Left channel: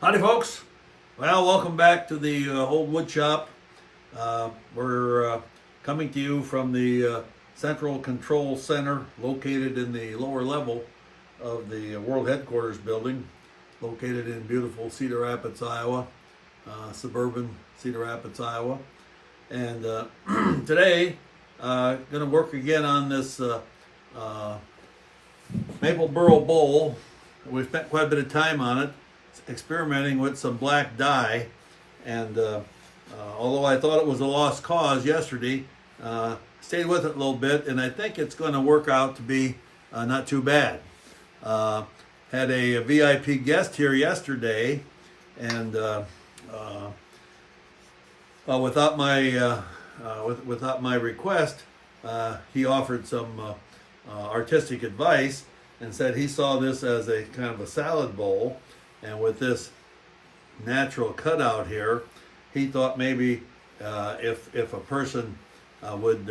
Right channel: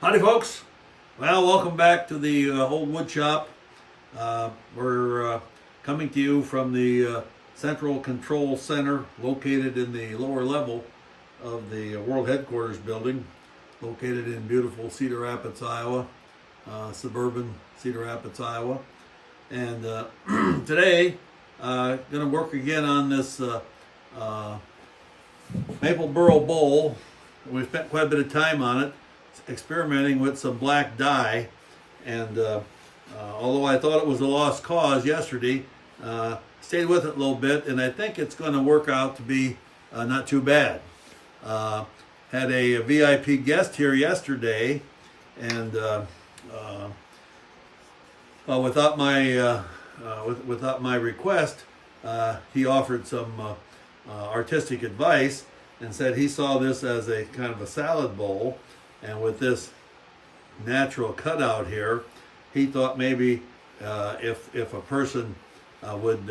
Howdy folks. Well, welcome back to the old wood shop. We're coming to you from the Central Control Center located in the lower level of the World Headquarters building, located in beautiful Cedar Rapids, Iowa, suburban Cedar Rapids, Iowa. And today, going to work again on this Maple Burl Bowl. We spent quite a bit of time on it, experimenting with some black dye, and although I thought it was a lost cause yesterday, stayed with it a little bit, and I think it's going to work out to be not too bad. Had a VIP guest here yesterday, and without my request, he offered some artistic advice and said he saw this as a kind of a salad bowl. And with this natural cutout here, he thought maybe if a person would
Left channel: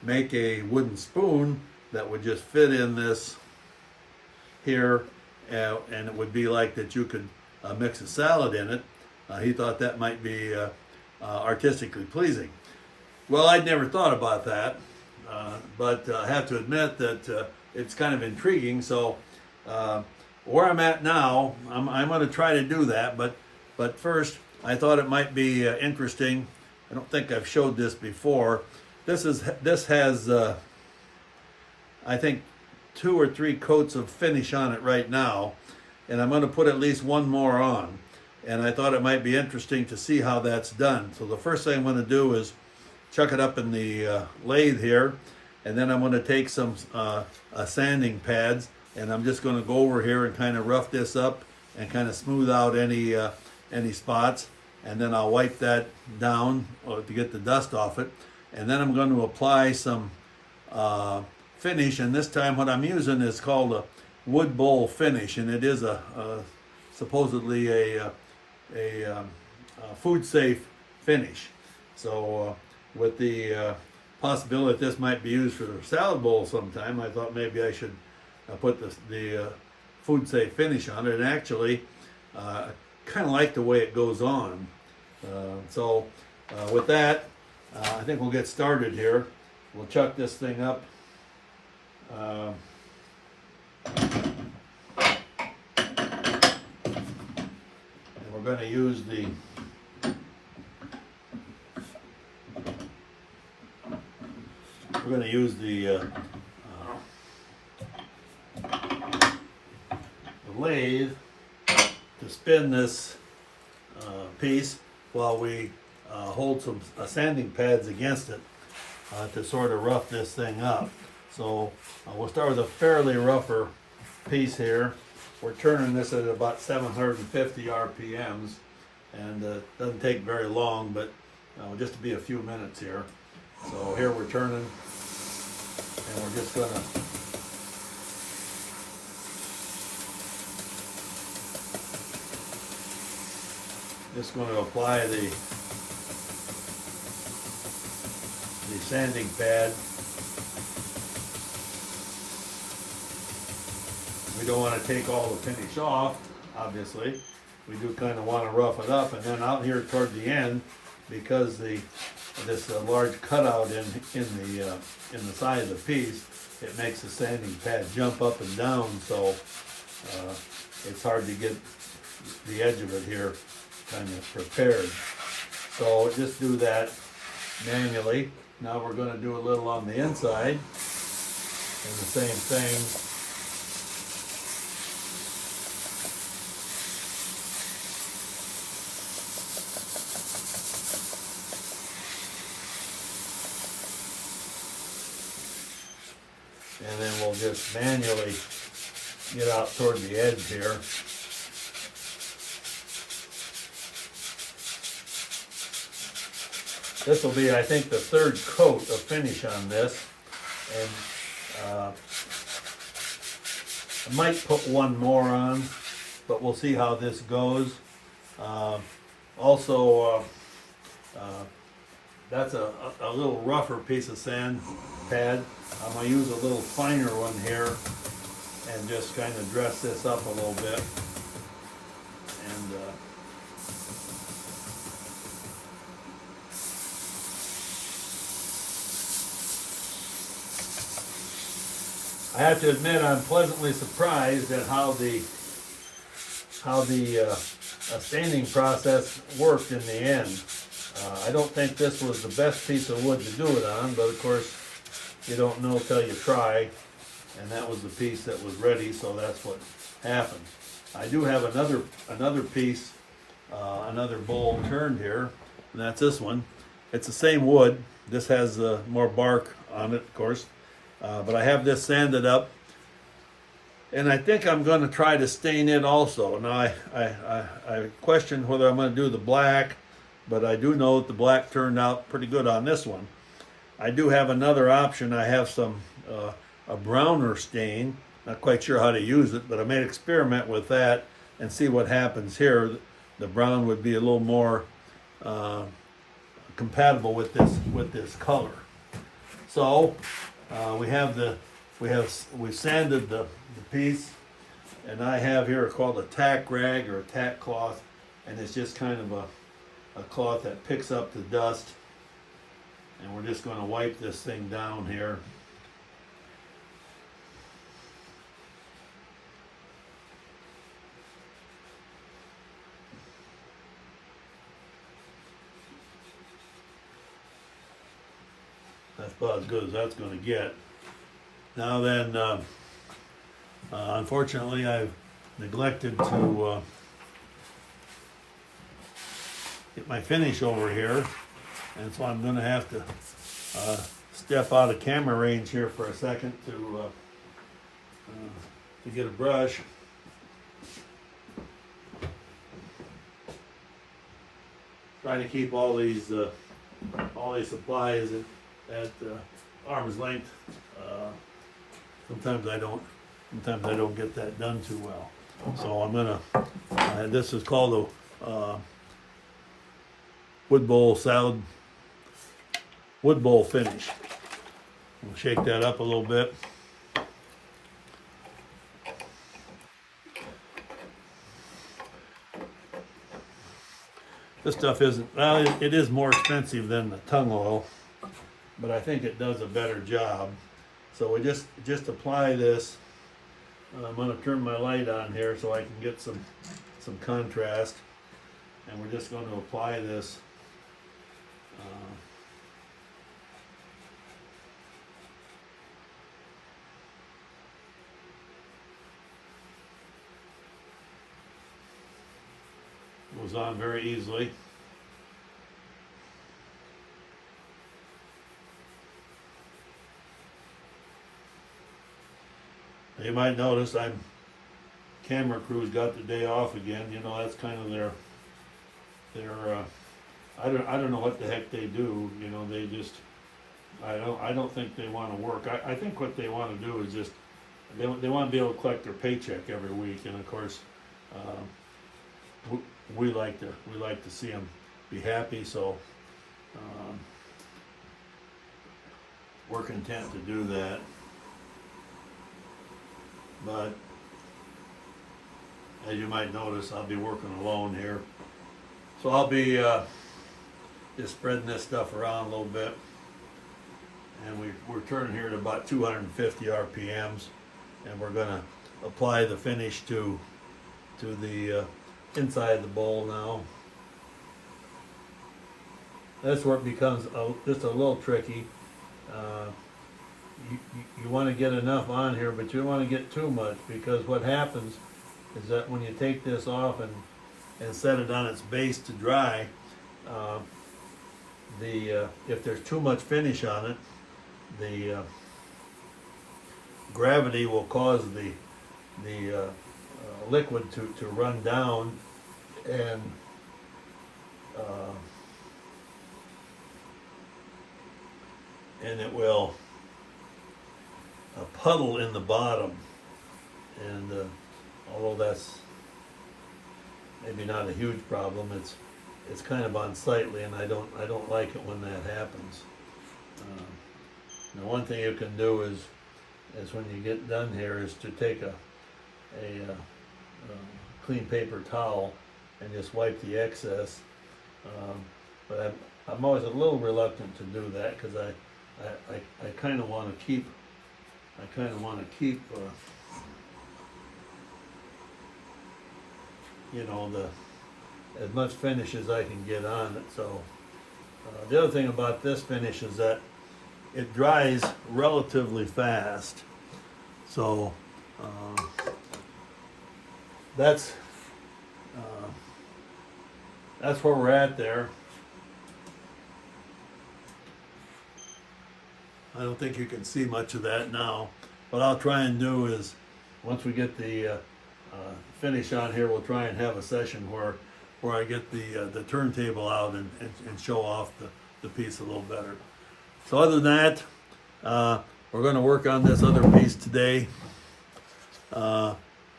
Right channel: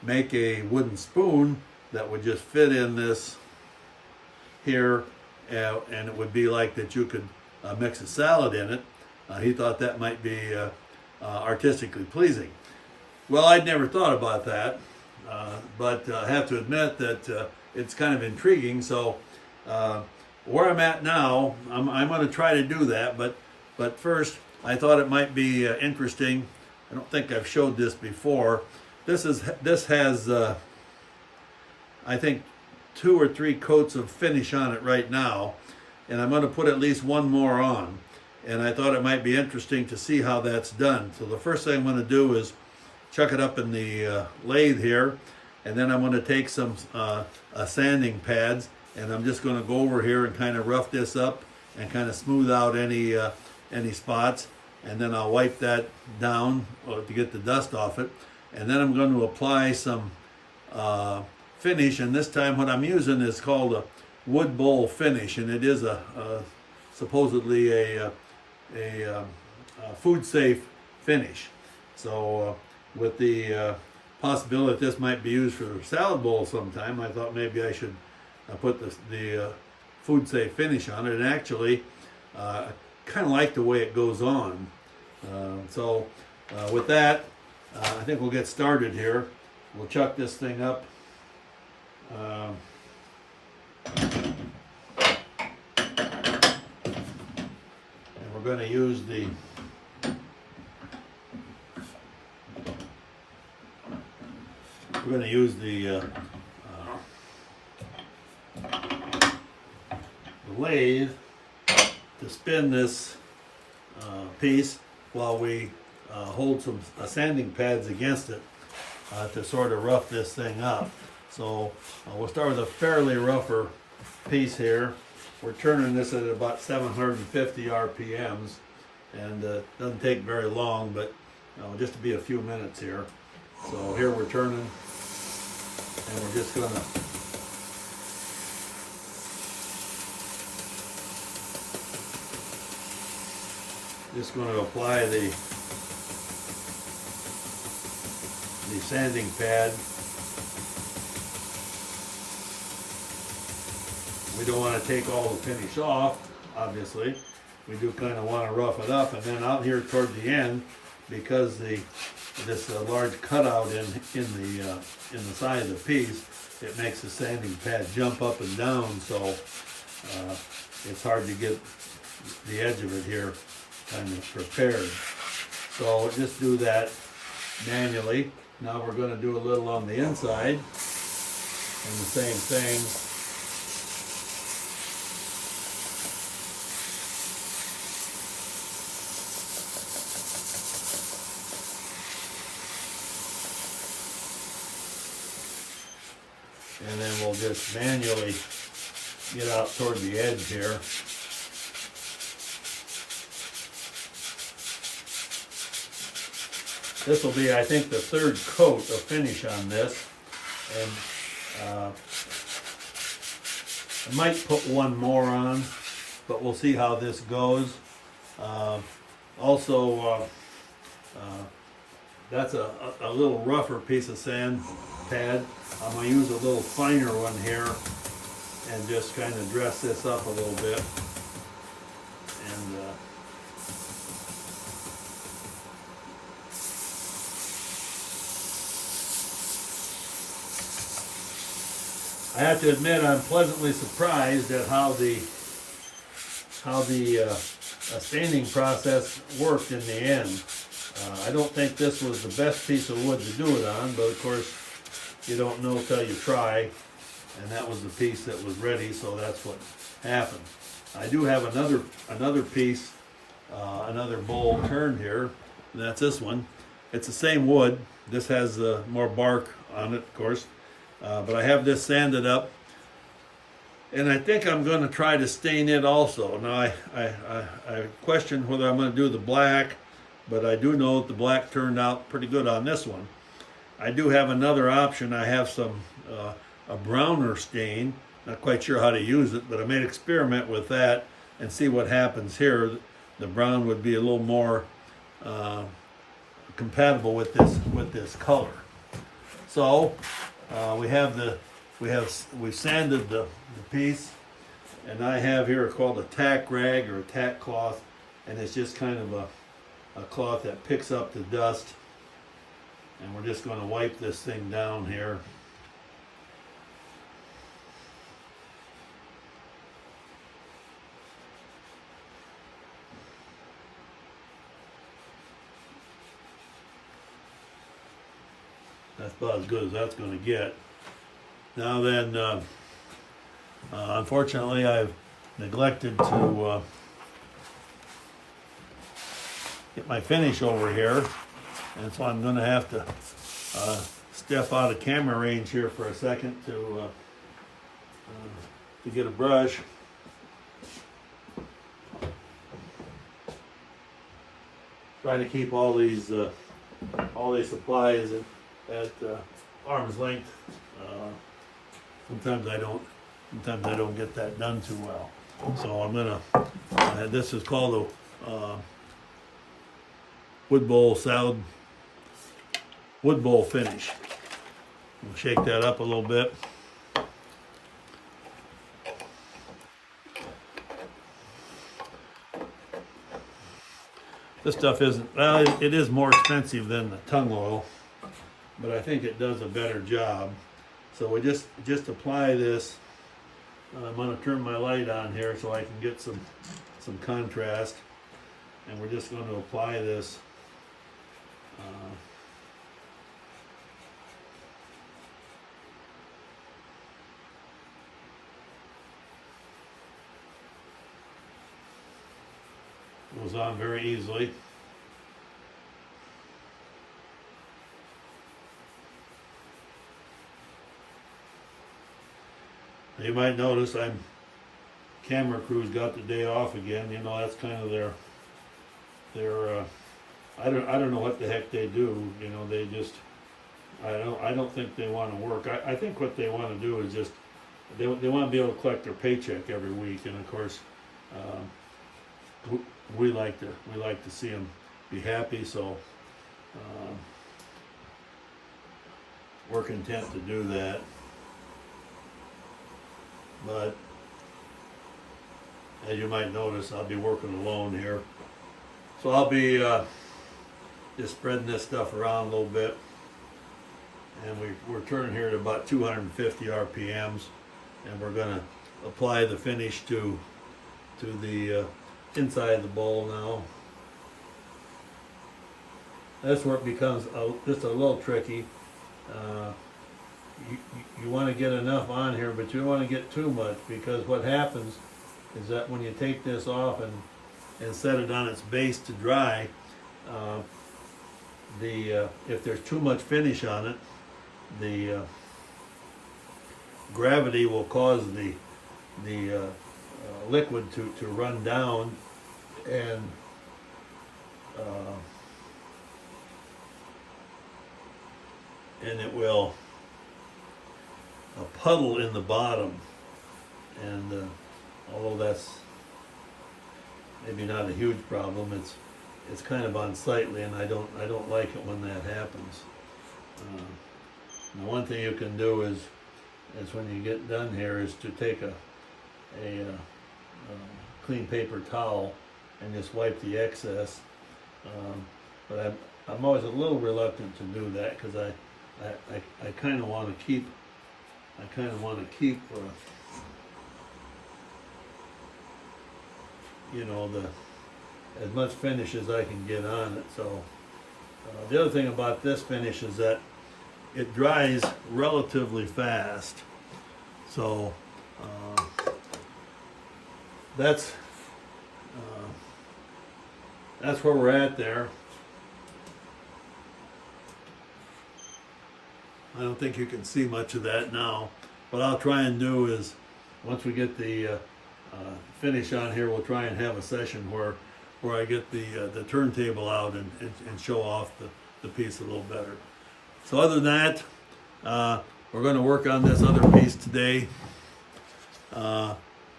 make a wooden spoon that would just fit in this here, and it would be like that you could mix a salad in it, he thought that might be artistically pleasing. Well, I'd never thought about that, but I have to admit that it's kind of intriguing. So where I'm at now, I'm going to try to do that, but first I thought it might be interesting. I don't think I've showed this before. This has I think 2 or 3 coats of finish on it right now, and I'm going to put at least one more on. And I thought it might be interesting to see how that's done. So the first thing I'm going to do is chuck it up in the lathe here, and then I'm going to take some sanding pads, and I'm just going to go over here and kind of rough this up and kind of smooth out any spots, and then I'll wipe that down to get the dust off it. And then I'm going to apply some finish, and this time what I'm using is called a wood bowl finish, and it is supposedly a food safe finich. So with the possibility that this might be used for a salad bowl sometime, I thought maybe I should put the food safe finish on it. And actually, I kind of like the way it goes on. So with that, I think we'll get started here. We'll chuck this thing up. And we're going to use the lathe to spin this piece while we hold some sanding pads against it to sort of rough this thing up. So we'll start with a fairly rougher piece here. We're turning this at about 750 RPMs, and it doesn't take very long, but just to be a few minutes here. So here we're turning, and we're just going to apply the sanding pad. We don't want to take all the finish off, obviously. We do kind of want to rough it up, and then out here toward the end, because this large cutout in the side of the piece, it makes the sanding pad jump up and down, so it's hard to get the edge of it here kind of prepared. So just do that manually. Now we're going to do a little on the inside, and the same thing. And then we'll just manually get out toward the edge here. This will be, I think, the 3rd coat of finish on this. And I might put one more on, but we'll see how this goes. Also, that's a little rougher piece of sand pad. I'm going to use a little finer one here and just kind of dress this up a little bit. I have to admit I'm pleasantly surprised at how the staining process worked in the end. I don't think this was the best piece of wood to do it on, but of course you don't know till you try, and that was the piece that was ready, so that's what happened. I do have another piece, another bowl turned here, and that's this one. It's the same wood. This has more bark on it, of course, but I have this sanded up, and I think I'm going to try to stain it also. Now I questioned whether I'm going to do the black, but I do know that the black turned out pretty good on this one. I do have another option. I have some a browner stain. Not quite sure how to use it, but I may experiment with that and see what happens here. The brown would be a little more compatible with this color. So we've sanded the piece, and I have here called a tack rag or a tack cloth, and it's just kind of a cloth that picks up the dust, and we're just going to wipe this thing down here. That's about as good as that's going to get. Now then, unfortunately, I've neglected to get my finish over here, and so I'm going to have to step out of camera range here for a second to get a brush. Trying to keep all these supplies at arm's length. Sometimes I don't get that done too well. So I'm gonna. This is called a wood bowl salad, wood bowl finish. We'll shake that up a little bit. This stuff isn't, well, it is more expensive than the tung oil, but I think it does a better job. So we just apply this. I'm going to turn my light on here so I can get some contrast, and we're just going to apply this goes on very easily. You might notice camera crew's got the day off again. You know, that's kind of their I don't know what the heck they do. You know, they just I don't think they want to work. I think what they want to do is just they want to be able to collect their paycheck every week, and of course we like to see them be happy. So we're content to do that. But as you might notice, I'll be working alone here. So I'll be just spreading this stuff around a little bit. And we're turning here to about 250 RPMs. And we're going to apply the finish to the inside the bowl now. That's where it becomes just a little tricky. You want to get enough on here, but you don't want to get too much, because what happens is that when you take this off and set it on its base to dry, if there's too much finish on it, the gravity will cause the liquid to run down, and it will puddle in the bottom, and although that's maybe not a huge problem, it's kind of unsightly, and I don't like it when that happens. Now, one thing you can do is when you get done here is to take a clean paper towel and just wipe the excess. But I'm always a little reluctant to do that, because I kind of want to keep I kind of want to keep, you know, as much finish as I can get on it. So the other thing about this finish is that it dries relatively fast. So that's where we're at there. I don't think you can see much of that now. What I'll try and do is, once we get the finish on here, we'll try and have a session where I get the turntable out and show off the piece a little better. So other than that, we're going to work on this other piece today. I'm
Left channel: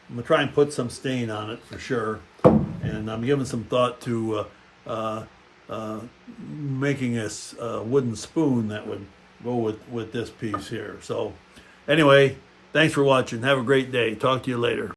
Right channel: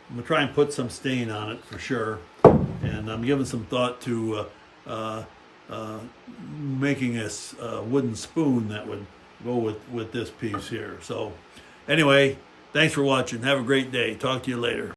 going to try and put some stain on it for sure. And I'm giving some thought to making a wooden spoon that would go with this piece here. So anyway, thanks for watching. Have a great day. Talk to you later.